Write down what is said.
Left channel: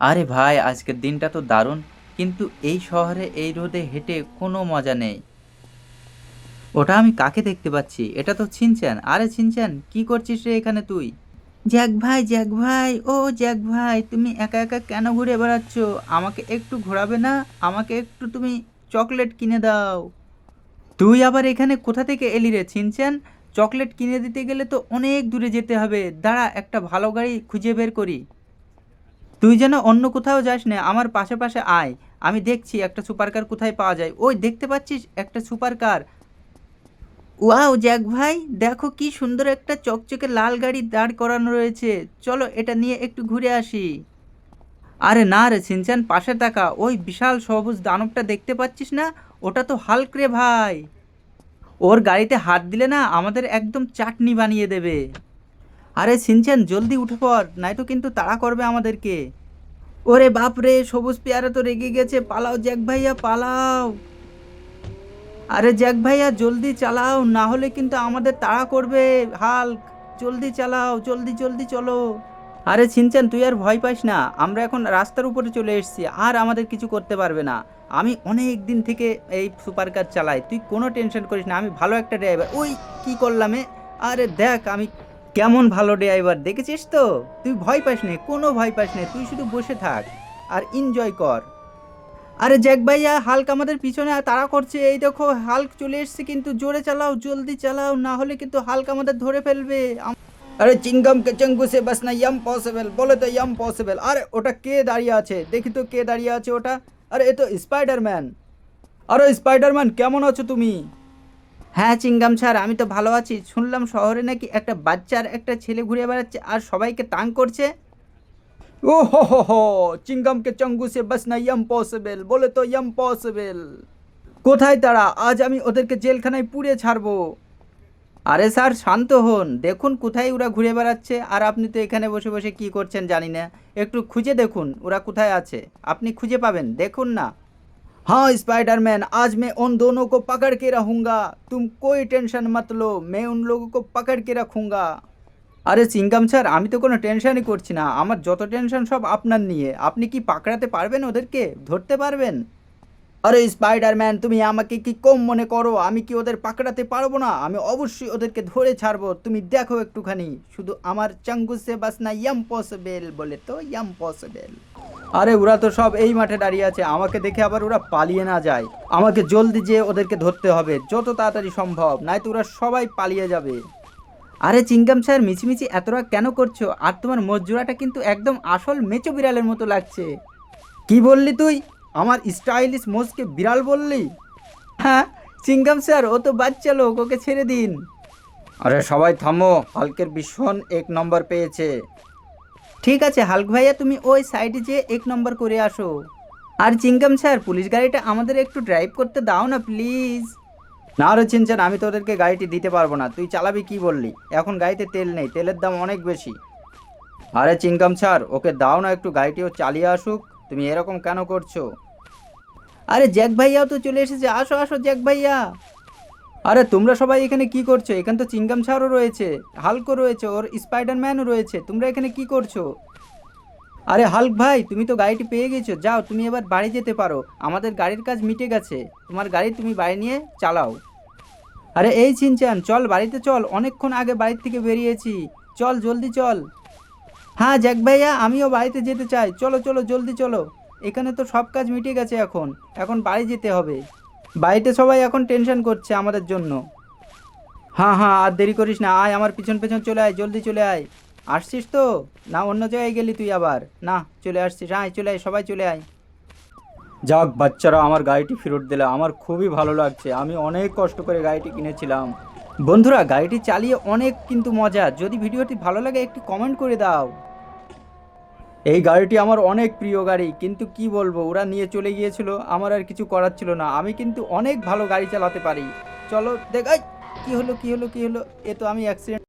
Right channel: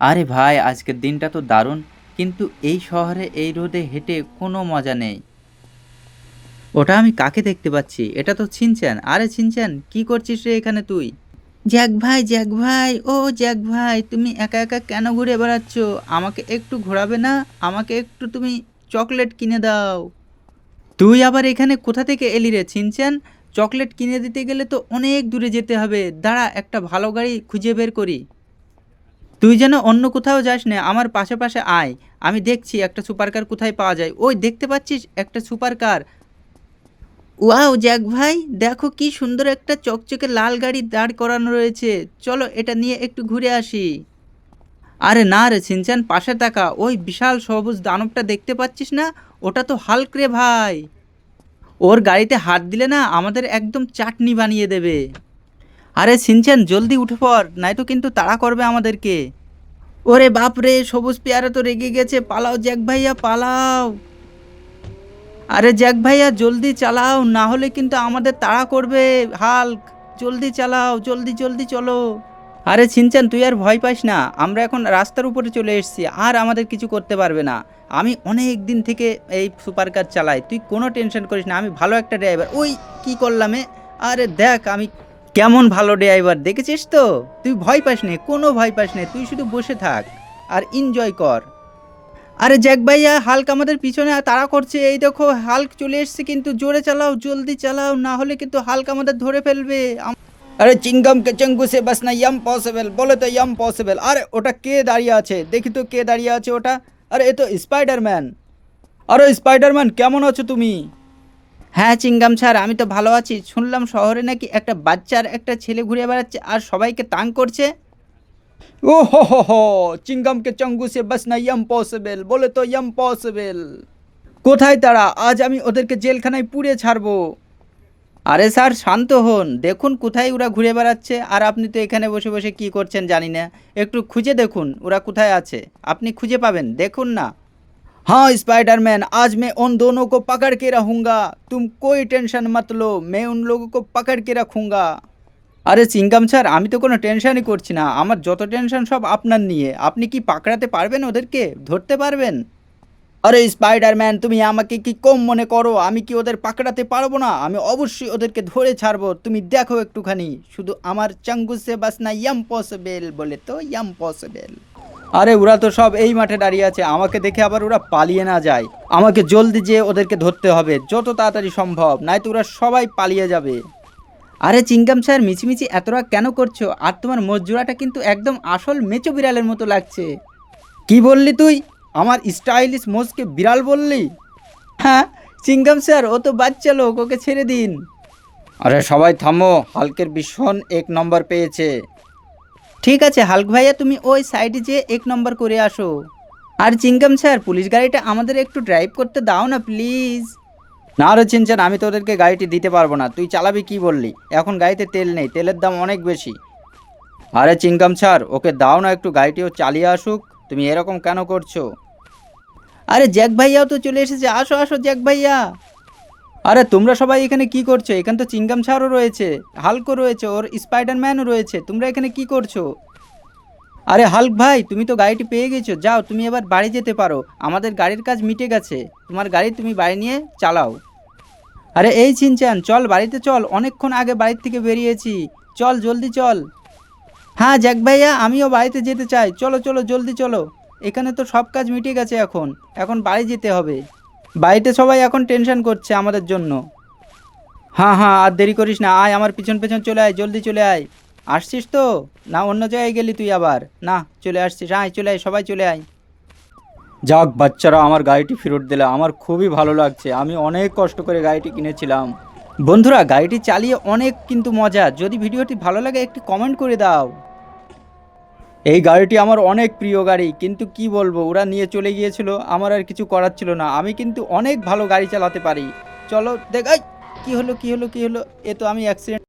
আরে ভাই, আজকের দিনটা তো দারুণ। কিন্তু এই শহরে এই রোদে হেঁটে কোনো মজা নেই। ওটা আমি কাকে দেখতে পাচ্ছি? এটা তো ছিনচ্যান। আরে ছিনচ্যান, কি করছিস রে এখানে তুই? জ্যাক ভাই, জ্যাক ভাই, ও জ্যাক ভাই, তুমি একা একা কেন ঘুরে বেড়াচ্ছ? আমাকে একটু ঘোরাবে না? আমাকে একটু তুমি চকলেট কিনে দাও। তুই আবার এখানে কোথা থেকে এলি রে ছিনচ্যান? চকলেট কিনে দিতে গেলে তো অনেক দূরে যেতে হবে। দাঁড়া, একটা ভালো গাড়ি খুঁজে বের করি। তুই যেন অন্য কোথাও যাস না, আমার পাশে পাশে আয়। আমি দেখছি একটা সুপার কার কোথায় পাওয়া যায়। ওই দেখতে পাচ্ছিস একটা সুপার কার? ওয়াও জ্যাক ভাই, দেখো কি সুন্দর একটা চকচকে লাল গাড়ি দাঁড় করানো রয়েছে। চলো এটা নিয়ে একটু ঘুরে আসি। আরে না রে সিনচান, পাশে তাকা, ওই বিশাল সবুজ দানবটা দেখতে পাচ্ছিস না? ওটা তো হাল্ক রে ভাই। ওর গাড়িতে হাত দিলে না আমাদের একদম চাটনি বানিয়ে দেবে। আরে সিনচান, জলদি উঠে পড়, নয়তো কিন্তু তাড়া করবে আমাদেরকে। ওরে বাপ রে, সবুজ পেয়ারা তো রেগে গেছে, পালাও জ্যাক ভাইয়া পালাও। আরে জ্যাক ভাইয়া জলদি চালাও, না হলে কিন্তু আমাদের তাড়া করবে হাল্ক। জলদি চালাও, জলদি জলদি চলো। আরে ছিনচান, তুই আর ভয় পাস না, আমরা এখন রাস্তার উপরে চলে এসেছি, আর আমাদের কিছু করতে পারবে না। আমি অনেক দিন থেকে এই সুপার কার চালাই, তুই কোনো টেনশন করিস না, আমি ভালো একটা ড্রাইভার। ওই কি করলাম এ? আরে দেখ আমি কেমন ভালো ড্রাইভার, দেখেছিস তো? তুই ভয় পাস নে, কোনো ভয় পাস নে, তুই শুধু বসে থাক আর এনজয় কর। আরে জ্যাক ভাইয়া, হাল্ক আমাদের পিছনে তাড়া করছে, এই দেখো হাল্ক চলে এসেছে, কিন্তু জোরে চালাও, জলদি চালাও, না হলে কিন্তু হাল্ক আমাদের ধরে ফেলবে। আরে চিংগাম কে চেঙ্গু সে বাস না ইয়াম পসিবল, বলে তো ইয়াম পসিবল। আরে ওটা কে দাঁড়িয়ে আছে? দেখি তো কে দাঁড়িয়ে আছে ওটা। আরে এ তো স্পাইডারম্যান। আরে স্পাইডারম্যান, কেমন আছো তুমি? হ্যাঁ চিঙ্গাম স্যার, আমি তো ভালো আছি। শুনলাম শহরে নাকি একটা বাচ্চার একটা ছেলে ঘুরে বেড়াচ্ছে আর সবাইকে তাং করছে। ও হো, চিংগাম কে চঙ্গু সে বাস না ইয়াম পসিবল, বলে তো ইয়াম পসিবল। কোথায় তারা? আজ আমি ওদেরকে জেলখানায় পুড়িয়ে ছাড়বো। আরে স্যার শান্ত হন, দেখুন কোথায় ওরা ঘুরে বেড়াচ্ছে, আর আপনি তো এখানে বসে বসে কি করছেন জানি না। একটু খুঁজে দেখুন ওরা কোথায় আছে। আপনি খুঁজে পাবেন, দেখুন না। हाँ स्पाइडरमैन, आज मैं उन दोनों को पकड़ के रहूंगा। तुम कोई टेंशन मत लो, मैं उन लोगों को पकड़ के रखूंगा। আরে চিঙ্গাম স্যার, আমি তো কোনো টেনশনই করছি না, আমার যত টেনশন সব আপনার নিয়ে। আপনি কি পাকড়াতে পারবেন ওদেরকে? ধরতে পারবেন? আরে স্পাইডারম্যান, তুমি আমাকে কি কম মনে করো? আমি কি ওদের পাকড়াতে পারবো না? আমি অবশ্যই ওদেরকে ধরে ছাড়বো, তুমি দেখো একটুখানি। শুধু আমার চাঙ্গুসে বাসনা ইয়াম পসিবল, বলে তো ইয়াম পসিবল। আরে ওরা তো সব এই মাঠে দাঁড়িয়ে আছে, আমাকে দেখে আবার ওরা পালিয়ে না যায়। আমাকে জলদি যেয়ে ওদেরকে ধরতে হবে, যত তাড়াতাড়ি সম্ভব, নয়তো ওরা সবাই পালিয়ে যাবে। আরে চিঙ্গাম স্যার, মিছিমিছি এতটা কেন করছো? আর তোমার মজুরাটা কিন্তু একদম আসল মেচো বিড়ালের মতো লাগছে। কি বললি তুই? আমার স্টাইলিশ মোজকে বিড়াল বললি? হ্যাঁ চিঙ্গাম স্যার, ও তো বাচ্চা লোক, ওকে ছেড়ে দিন। আরে সবাই থামো, হালকের ভীষণ 1 নম্বর পেয়েছে। ঠিক আছে হাল্ক ভাইয়া, তুমি ওই সাইডে যেয়ে 1 নম্বর করে আসো। আর চিঙ্গাম স্যার, পুলিশ গাড়িটা আমাদের একটু ড্রাইভ করতে দাও না প্লিজ। না রে চিনছেন, আমি তোদেরকে গাড়িটি দিতে পারবো না। তুই চালাবি কি বললি? এখন গাড়িতে তেল নেই, তেলের দাম অনেক বেশি। আরে চিঙ্গাম স্যার, ওকে দাও না একটু, গাড়িটিও চালিয়ে আসুক। তুমি এরকম কেন করছো? আরে জ্যাক ভাইয়াও তো চলে এসেছে, আসো আসো জ্যাক ভাইয়া। আরে তোমরা সবাই এখানে কি করছো? এখানে তো চিঙ্গাম স্যারও রয়েছে, হাল্কও রয়েছে, ওর স্পাইডারম্যানও রয়েছে, তোমরা এখানে কি করছো? আরে হাল্ক ভাই, তুমি তো গাড়িটি পেয়ে গেছো, যাও তুমি এবার বাড়ি যেতে পারো, আমাদের গাড়ির কাজ মিটে গেছে। তোমার গাড়ি তুমি বাড়ি নিয়ে চালাও। আরে এই চিনচান, চল বাড়িতে চল, অনেকক্ষণ আগে বাড়ির থেকে বেরিয়েছি। চল জলদি চল। হ্যাঁ জ্যাক ভাইয়া, আমিও বাড়িতে যেতে চাই, চলো চলো জলদি চলো। এখানে তো সব কাজ মিটে গেছে, এখন এখন বাড়ি যেতে হবে। বাড়িতে সবাই এখন টেনশন করছে আমাদের জন্য। হ্যাঁ হ্যাঁ, আর দেরি করিস না, আয় আমার পিছন পিছন চলে আয়, জলদি চলে আয়। আসছিস তো? না অন্য জায়গায় গেলি তুই আবার? না চলে আসছিস, আয় চলে আয়, সবাই চলে আয়। যাক বাচ্চারা, আমার গাড়িটি ফেরত দিলে আমার খুবই ভালো লাগছে, আমি অনেক কষ্ট করে গাড়িটি কিনেছিলাম। বন্ধুরা, গাড়িটি চালিয়ে অনেক কিন্তু মজা। যদি ভিডিওটি ভালো লাগে একটু কমেন্ট করে দাও। এই গাড়িটি আমার অনেক প্রিয় গাড়ি, কিন্তু কি বলবো, ওরা নিয়ে চলে গিয়েছিল, আমার আর কিছু করার ছিল না। আমি কিন্তু অনেক ভালো গাড়ি চালাতে পারি। চলো দেখ, এই, কি হলো কি হলো কি হলো? এ তো আমি অ্যাক্সিডেন্ট